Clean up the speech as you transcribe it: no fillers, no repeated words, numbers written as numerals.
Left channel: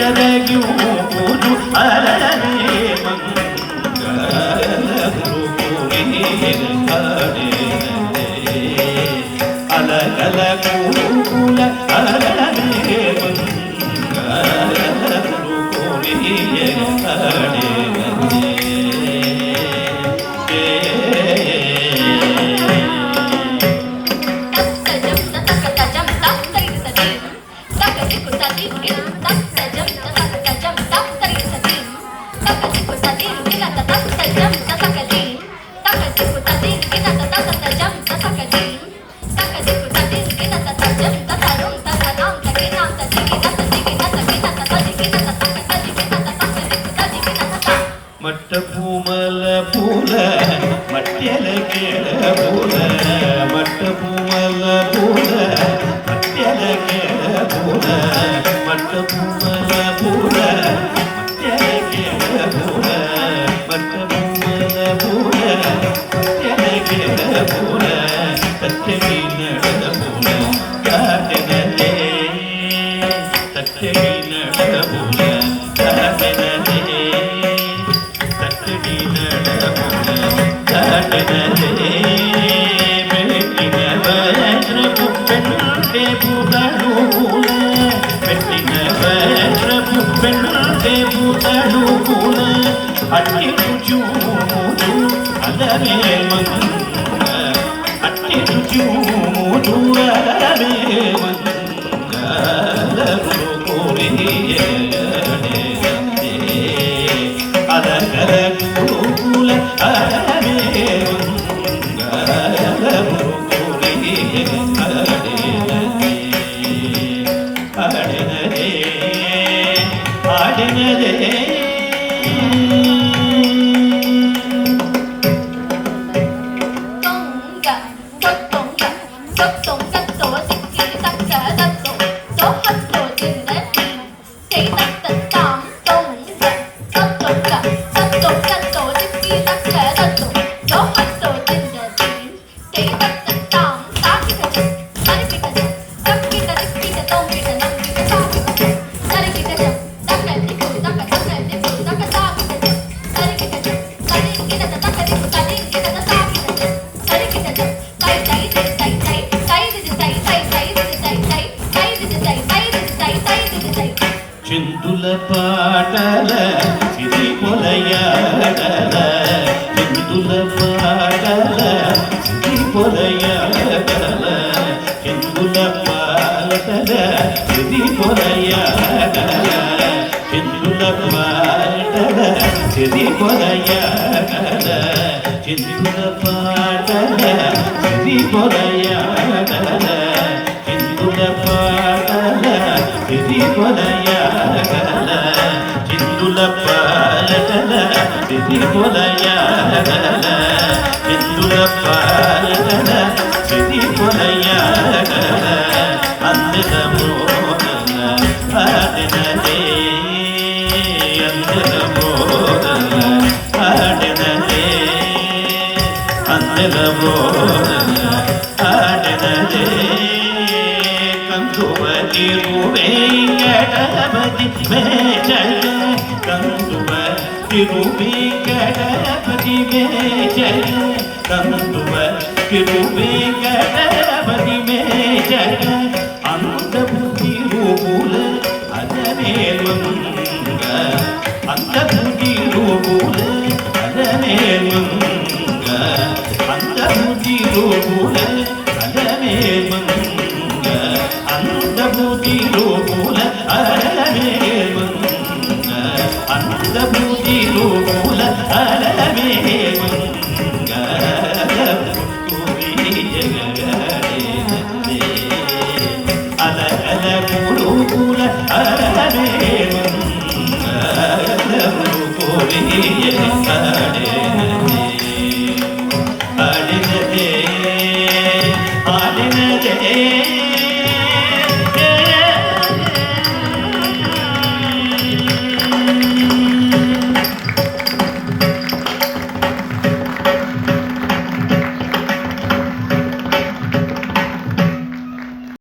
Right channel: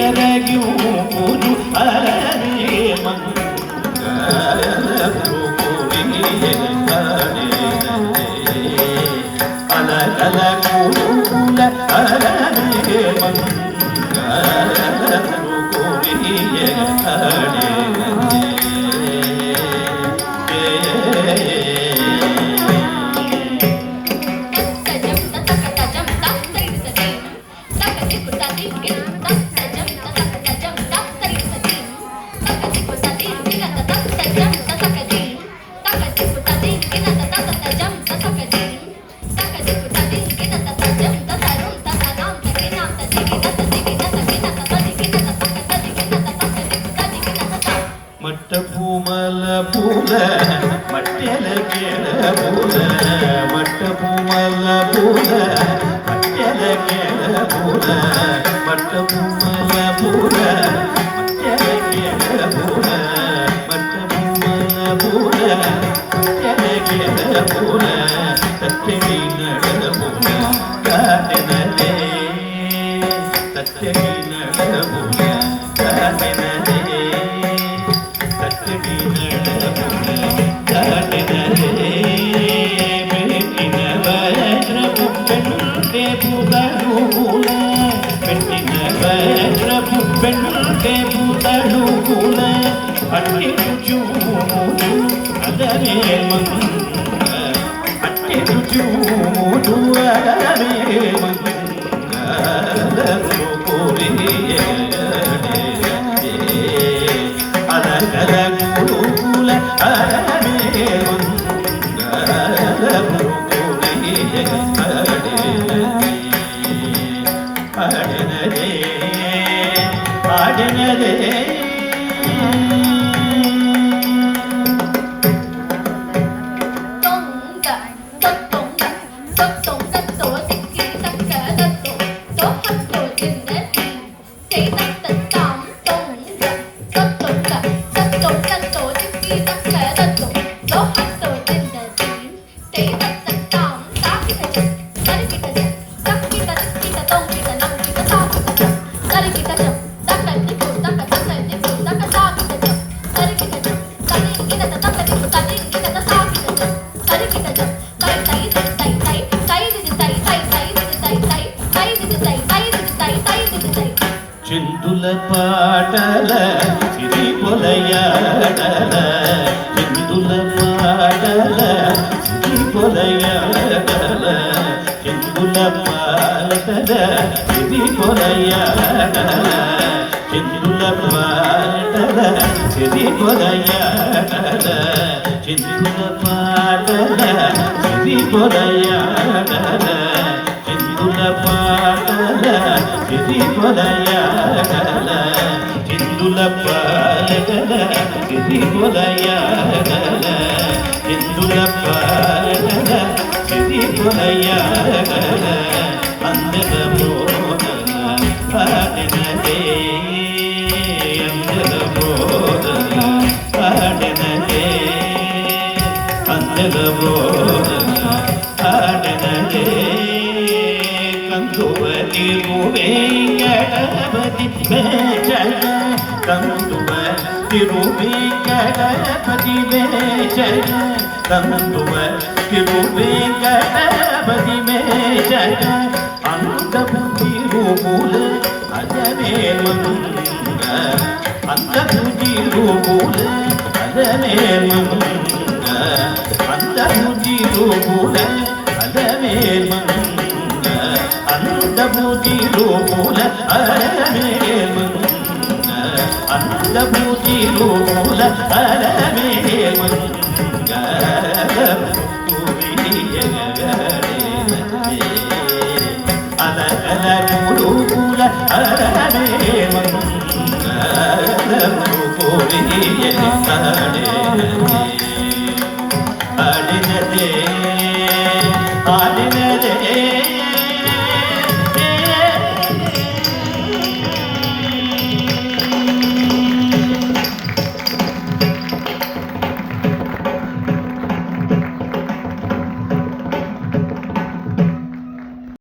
ಹರಿಗರಗಿಯುವುದು ಅರನೇ ಅಲಗಲ ಕೂಲ ಅರನೇ ಮಟ್ಟ ಪೂಮಲ ಪೂಲ ಮಟ್ಟೆಲ ಕೇಳ ಪೂಲ ಮಟ್ಟ ಪೂಮಲ ಪೂಲ ಮಟ್ಟೆಲ ಕೇಳ ಪೂಲ ಮಟ್ಟ ಪೂಮಲ ಪೂಲ ಮಟ್ಟೆಲ ಕೇಳ ಪೂಲ ಮಟ್ಟ ಪೂಮಲ ಪೂಲ ಮಟ್ಟೆಲ ಕೇಳ ಪೂಲ ಸತ್ಯಮಿ ನಡಲ ಪೂಲ ಕಾಟನದೇ ಸತ್ಯಮಿ ನಡಲ ಪೂಲ ಕಾಟನದೇ ಅಟ್ಟಿ ರುಚೂದು ಅದರೇ ಮಂಗ ಅಟ್ಟಿ ರುಚೂದು ಅದರೇ ಮಂಗ ಕೋರಿಯೇ ಅದರ ಗುರುಕುಲ ಅದರೇ ಮಂಗ ಕೋರಿಯೇ ಅಡೆನದೇ ಅಡೆನದೇ చిందుల పాటల సిరి పొలయాడల చిందుల పాటల సిరి పొలయాడల చిందుల పాటల సిరి పొలయాడల చిందుల పాటల సిరి పొలయాడల చిందుల పాటల సిరి పొలయాడల చిందుల పాటల సిరి పొలయాడల చిందుల పాటల సిరి పొలయాడల చిందుల పాటల సిరి పొలయాడల అందల మోదన పాడినదే అందల మోదన పాడినదే అందల మోదన పాడినదే కందువలి గణపతి మే జయ కందువలి గణపతి మే జయ కందువలి గణపతి మే జయ అందబుద్ధి రూపుల అదనే మంగ అందబుద్ధి రూపుల అదనే మంగ అందబుద్ధి రూపుల అదనే మంగ అందబుద్ధి రూపుల అదనే మంగ అందబుద్ధి రూపుల అదనే మంగ అలగల గురుకుల అదనే మంగ కోరి